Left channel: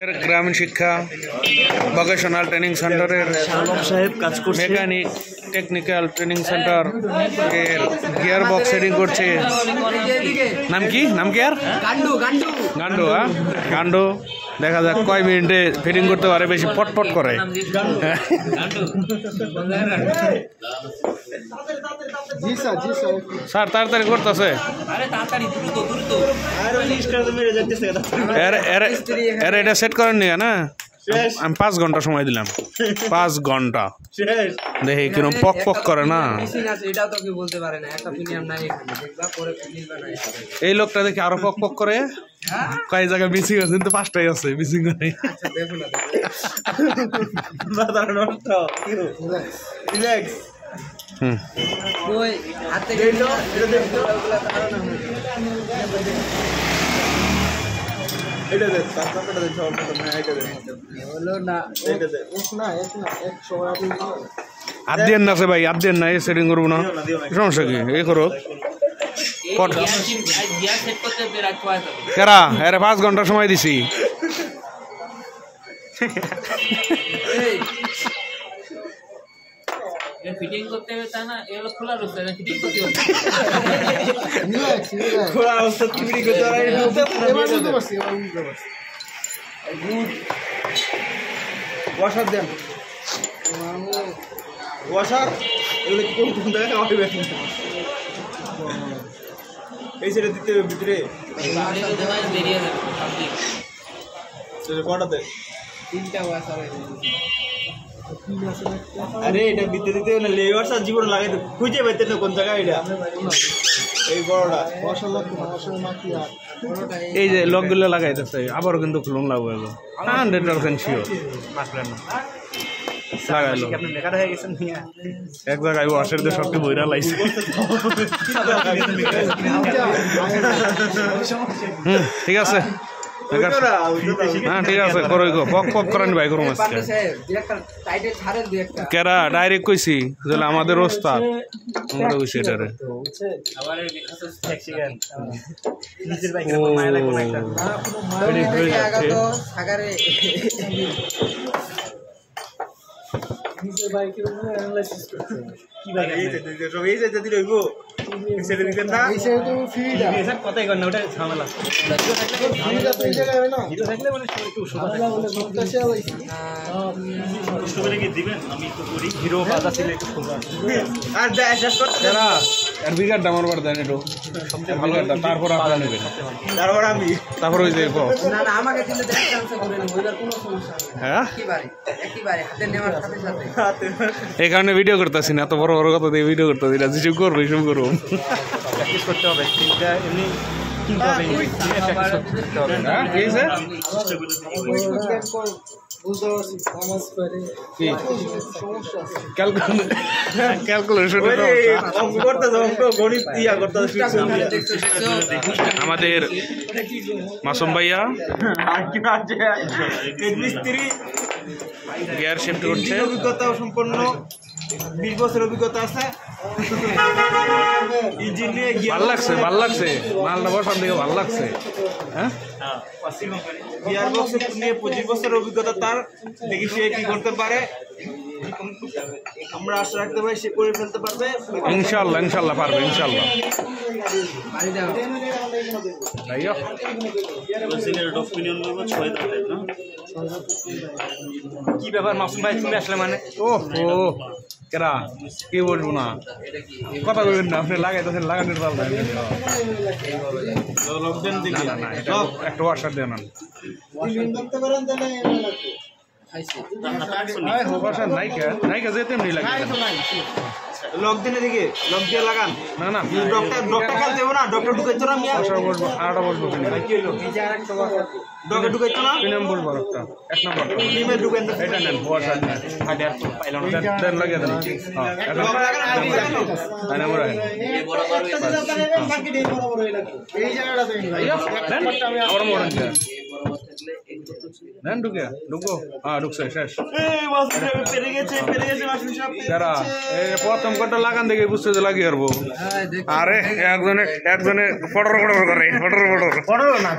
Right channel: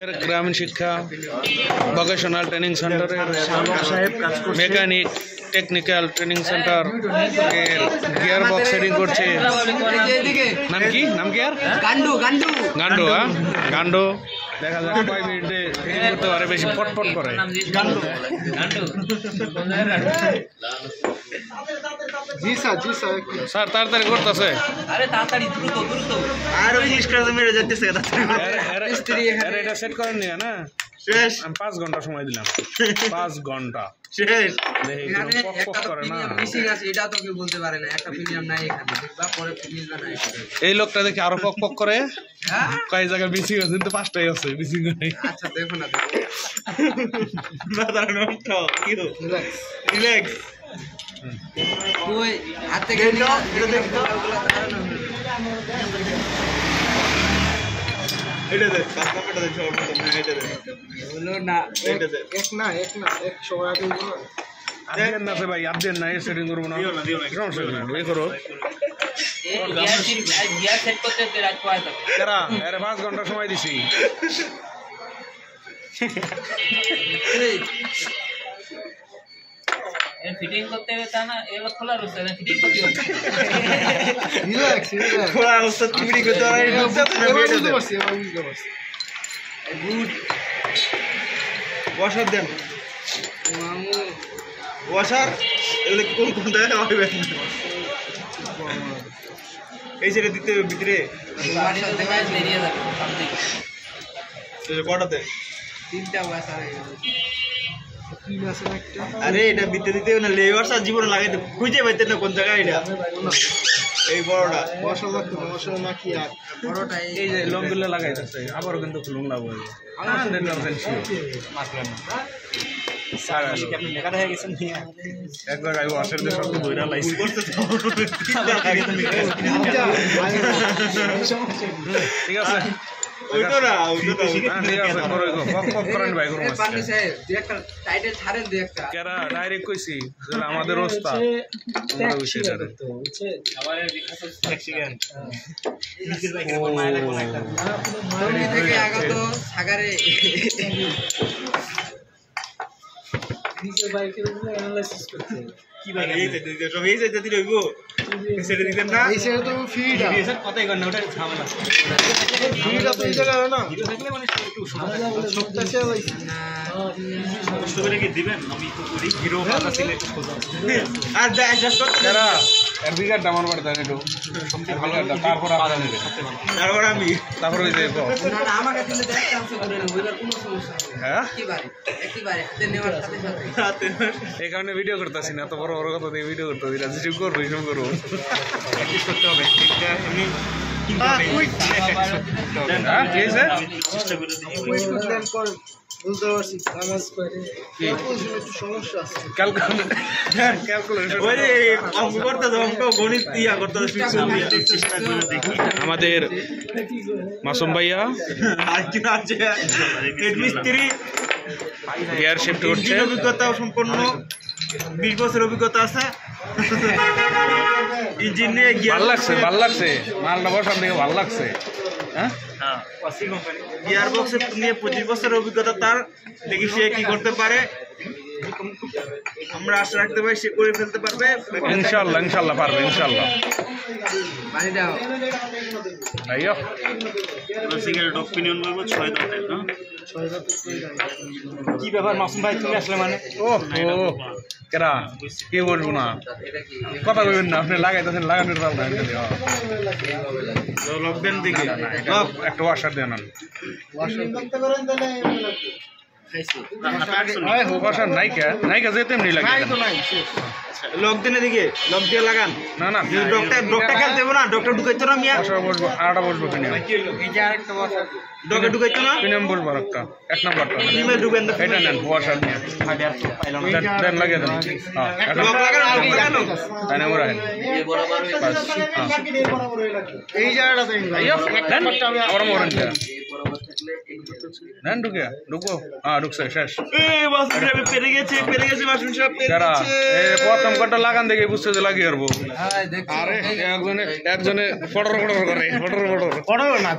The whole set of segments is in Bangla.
গ্রামীণ শিক্ষা ভোকেশনাল ট্রেনিং সেন্টারের মেকানিক টেকনিক্যাল ট্রেনিং সেন্টার এর গিয়ার বক্স সেটিং করছে। নাম কি আর গান্ডু গান্ডু দেখা যাক কয় মিনিটে ফিটিং করতে পারে, বেশি পটপট করে। স্যার তাড়াতাড়ি করতেছে, এটা সেট করেন নি না? আমি 5 ঘন্টা সময় দিলাম, 5 ঘন্টা দেখি কিরকম পক পক করে না। এই লোকটা দেখি আরো পক পক করে, কয় জায়গায় মিসিং আছে, কিন্তু 5টাই আছে মিসিং নেই। আদিয়ান না ভাই, আদিয়ান না, সেটিং করবো না, সমস্যা কি? এই করো কেরা, আরে 5 ঘন্টা সময় দিছি। ফিটিং করতে হবে তা না, এগুলো খোলা রয়েছে, ফিটিং করতে হবে। খোলা অবস্থা ফিটিং করতে পারে, বুঝতে পারছি। গুড ওয়াশার দেন, ওয়াশার এগুলো কোন জায়গায় হবে? এই সেটা দিতে ভিতরে বেরিয়ে যাবে কটাতে? 3টা ওয়াশার। আরে এটা ভিতরে দিতে না, লেয়ারস আর জীবন লাগাইতে খুঁজে পাইতে না কোন জায়গায় এটা। এই বড়টা ওয়াশার লাগতো না, ওয়াশার মাকি আর বড়টা এই যে লকগুলো লাগাইতেছে, আবারও কিন্তু খুলুন লাগবে 100% শিওর। আপনি লেখা হয়ে গেছেন এক জায়গায় ওয়াশের দিয়ে সবকে বইরা লাইছে। ঠিক আছে ঠিক আছে, পক পক করেন ভাই, করুন কেরা ডাইরেক্ট কইছি আমাদের ওস্তাদ নিজের বাইকের উপরে অ্যানালাইসিস করতে কি ভাই, এই যে সব এই যে দিতে হইব, সেটা দিবেন না। এই সেটা তো ফ্রিটা স্যার, কথাই কর না, ওটা ঝামেলা। ফ্রিটা তো এই জায়গায় না, হিরো থাকলে মানে একটু ঝামেলা বলে সবটা সে হইছে না। কষ্ট করে কি দিবেন? আমি তো করি হিরো পাতা ছিল একটু খোঁজা আর ব্যাস করতে না। আর বিগার দামর বার দেন একটু, সবচেয়ে ভালো এটা। তারপর পাতা নেবেন, তারপর আমি তারপর ওই দেখো না না, আমাকে দিলে দেখতে আছে করে না, বুঝার কোনো সমস্যা নেই। হ্যাঁ একেবারে হাতে নেওয়ার সাথে এই কারণে ভিডিও করতেছি না, এত বড় বড় কথা দিয়ে ভিডিও করতেছি না। যেসব করবো এসব করবো, প্র্যাকটিস করতে হবে। এটা এমনি আমাদের মাসুম ভাইয়া মিস্ত্রি গিয়ার শিফট করছে, অভিজ্ঞতা সম্পন্ন, 20 বছর অভিজ্ঞতা আছে। ইঞ্জিন নিয়ে ভাল লাগছে মালটা বসার দিকে ভাল লাগছে। হ্যাঁ, গিয়ার বক্সে নিয়ে 25 বছর অভিজ্ঞতা তার। দেখি সে কি করতে পারে, আমরা আশা রাখতে পারি সে করে ফেলতে পারবে। ইনশাল্লাহ পারবে, ইনশাল্লাহ। কি ব্যাপার মাসুম ভাই, তুমি আসলে মানে? ও কেরা কি বলবো না, কথা বলবেন না, আপনি লাগাইতেছেন, লাগানোর পাল দেন একটা ওয়াশার দেন। ওয়াশার নাইকা যেতে এমনি লাগে লক দিনে দিকে লক দিয়ে লাগান না ডক্টর খেলতে হবে না, ডক্টর ঢুকাইতো না মিয়া, বসবো আরটা বসবো কিনে ডক্টর ঢুকাইতো না, কিনে বলবো একটা 1 নম্বরটা টিমে ঢুকেন এটা নেন ওয়াশার নিয়ে পাইলো না, দেন লাগিয়ে দেন। লক লাগানো তাই না ওরা এই জায়গাটাতে আবার মরেন নেন ঢুকবো। হ্যাঁ ঢুকছে, শেষ। পেরে গেছে মাসুম সাহেব। প্রথম কটা লাগান দেখে বুঝতে যে লাগিয়ে পারবো। আরে একজনে ফটর করে ফটর না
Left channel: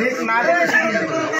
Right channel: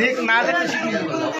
দেখ না